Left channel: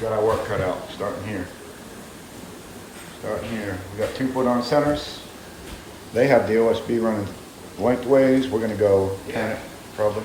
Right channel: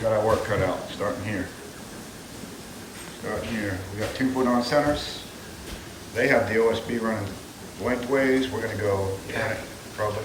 We got our work cut out, starting here. Starting here. We got 2 foot on centers. They have the OSB running lengthways. We're gonna go 10 probably.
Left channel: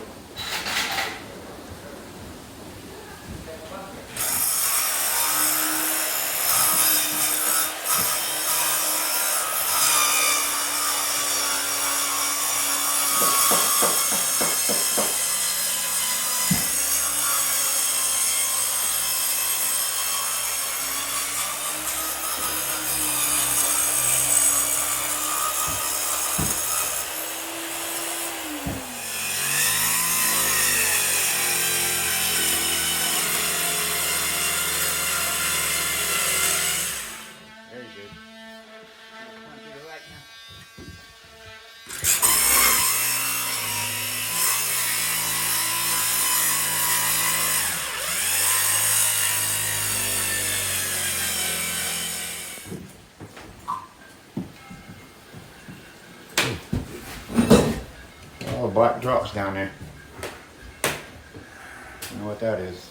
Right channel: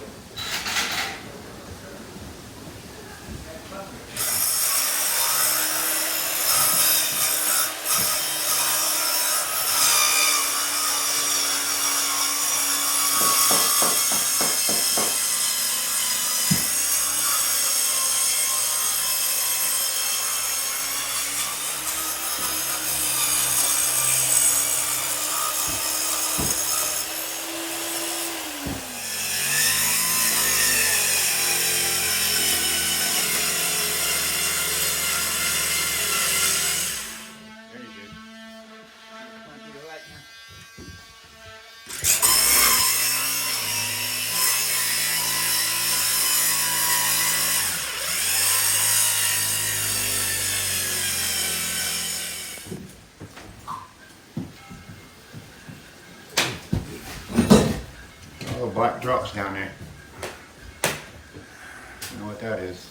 Oh, black drops down there. You know what that is.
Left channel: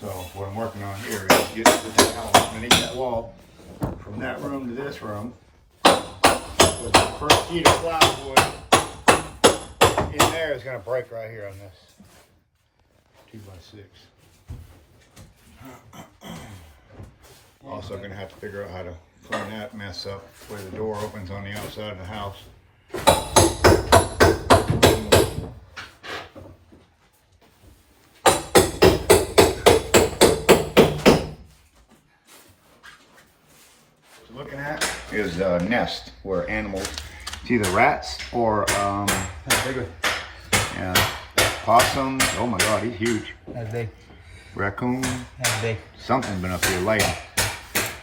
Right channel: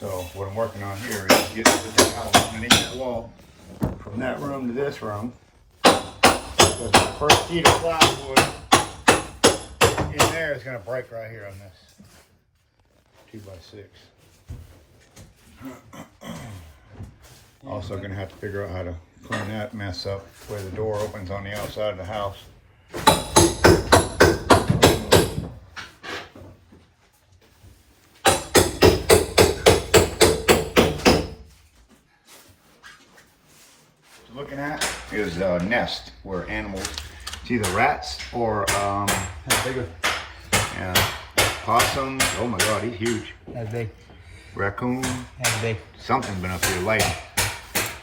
So what I'm working on here is get this out underneath that wall from that room to this room. Because the first sheet of plywood in there is going to break right here on this 2x6. Also going to have to figure out how to clean that mess up where the door opens on the outside of the house. What you're looking at is a nest where animals, it's either rats or possums. Oh my God, he's huge. That's big. Raccoon. That's big. Something's been up here laying.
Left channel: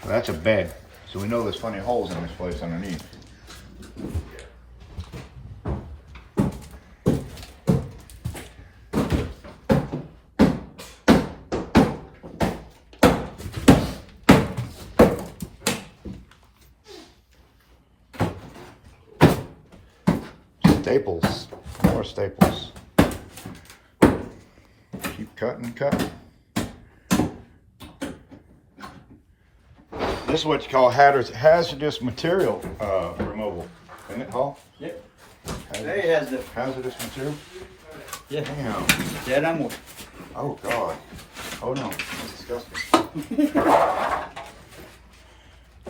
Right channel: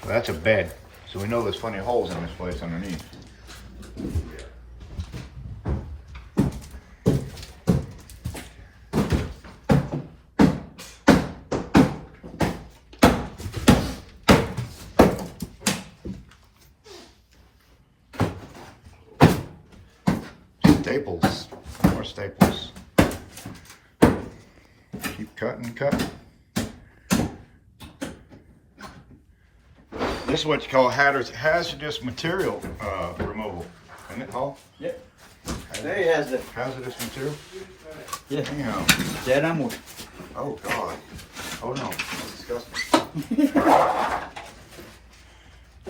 Well, that's a bed. So we know there's plenty of holes in this place underneath. Staples. More staples. Keep cutting, cutting. This is what you call hazardous material removal, isn't it, Paul? Yep. There he has the hazardous material. Yeah. Damn. Dead animal. Oh God. Oh no. That's disgusting.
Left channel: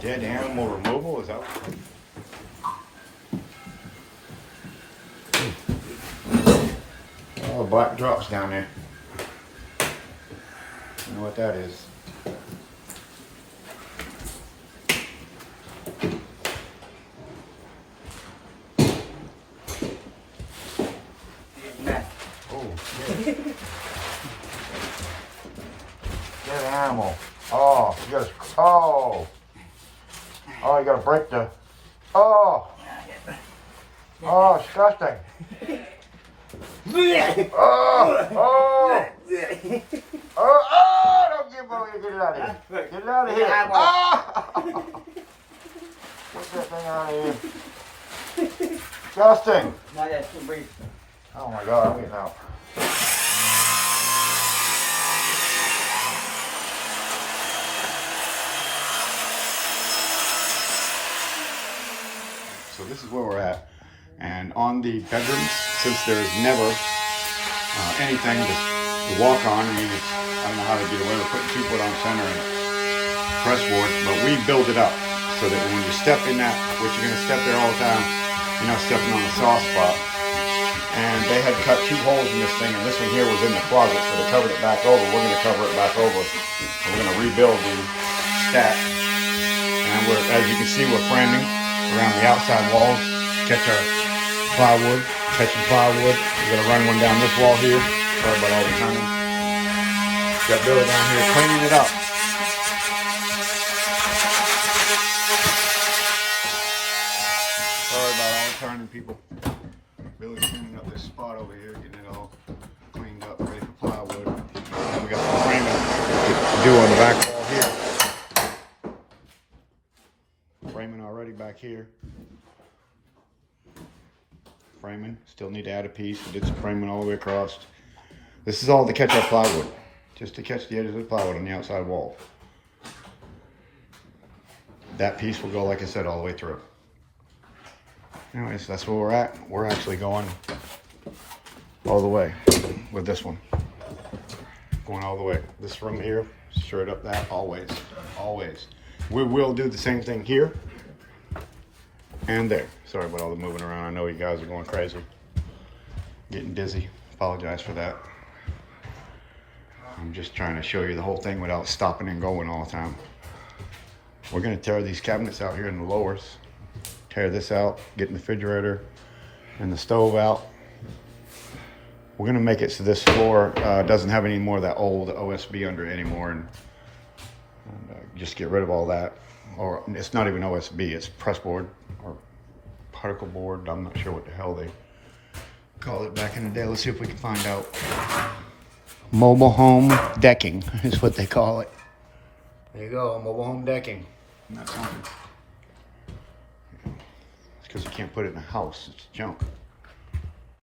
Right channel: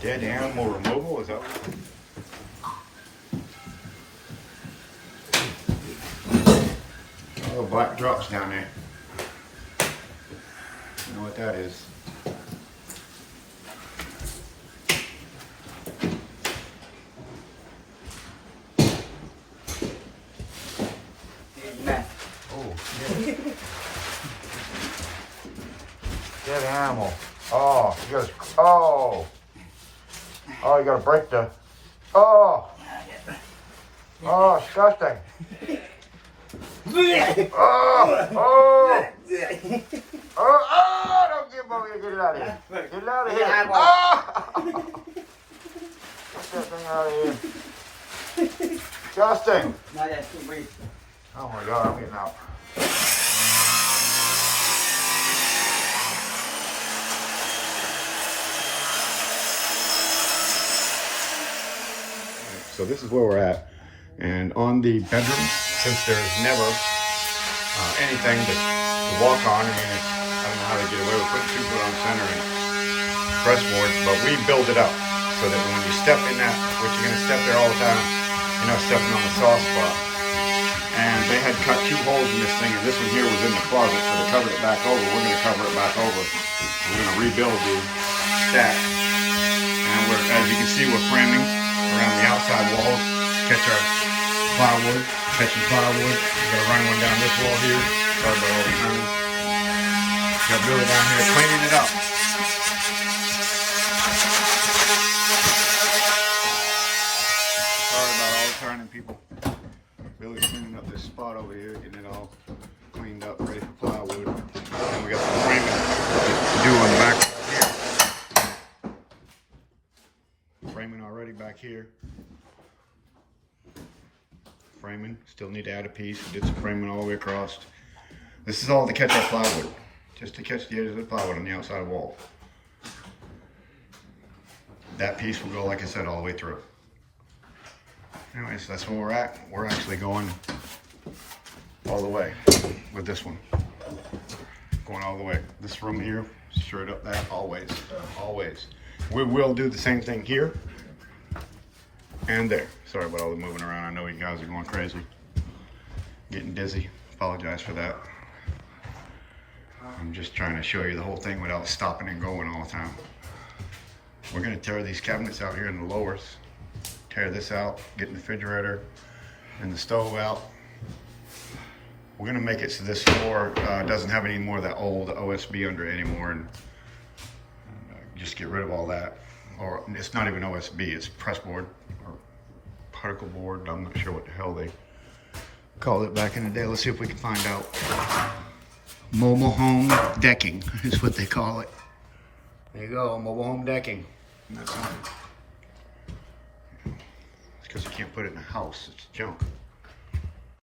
Dead animal removal, is that what? Oh, black drops down there. You know what that is. Oh, dead animal. Oh, you gotta, oh, you gotta break the, oh, disgusting. Don't give over here, get it out of here. Get it out of here. Get that thing out of here. Disgusting. Oh my God, I'm getting out. So this is where we're at. And on the bedroom, since there's never anything to walk on, I mean, I don't know how they get away with putting 2 foot on center and press boards, but we build it up so that when you step in that, which you're gonna step there all the time, you're not stepping on the soft spot. And they had cut 2 holes in this thing, and this one here was in the closet, so they covered it back over. We're gonna cover it back over. We're gonna rebuild the stack. And as you can see, we're framing around the outside walls. Catch our plywood, taking plywood. We're gonna run one down this wall here. Sorry about all the time. Got Billy down here cleaning it up. Sorry about all the turning, people. Billy's cleaning up this spot over here, getting it all cleaned up, ready for plywood. And we got some framing to do on the back wall here. Framing already back here. framing. Still need to add a piece and get some framing all the way across. This is all to catch our plywood, just to catch the edges of the plywood on the outside wall. That piece will go, like I said, all the way through. Anyways, that's where we're at. We're actually going all the way with this one. Going all the way. This from here, straight up that, always, always. We will do the same thing here and there. Sorry about all the moving around. I know you guys are going crazy. Getting dizzy. Apologize for that. I'm just trying to show you the whole thing without stopping and going all the time. We're gonna tear these cabinets out here in the lowers. Tear this out, get the refrigerator and the stove out. We're gonna make it so this floor doesn't have any more of that old OSB under it anymore, and just get rid of all that. Or it's not even OSB, it's press board or particle board. I'm not sure what the hell they called it back in the day. Let's see if we can find out. Mobile home decking is what they call it. There you go, mobile home decking. That's something. It's because you can't put it in a house, it's junk.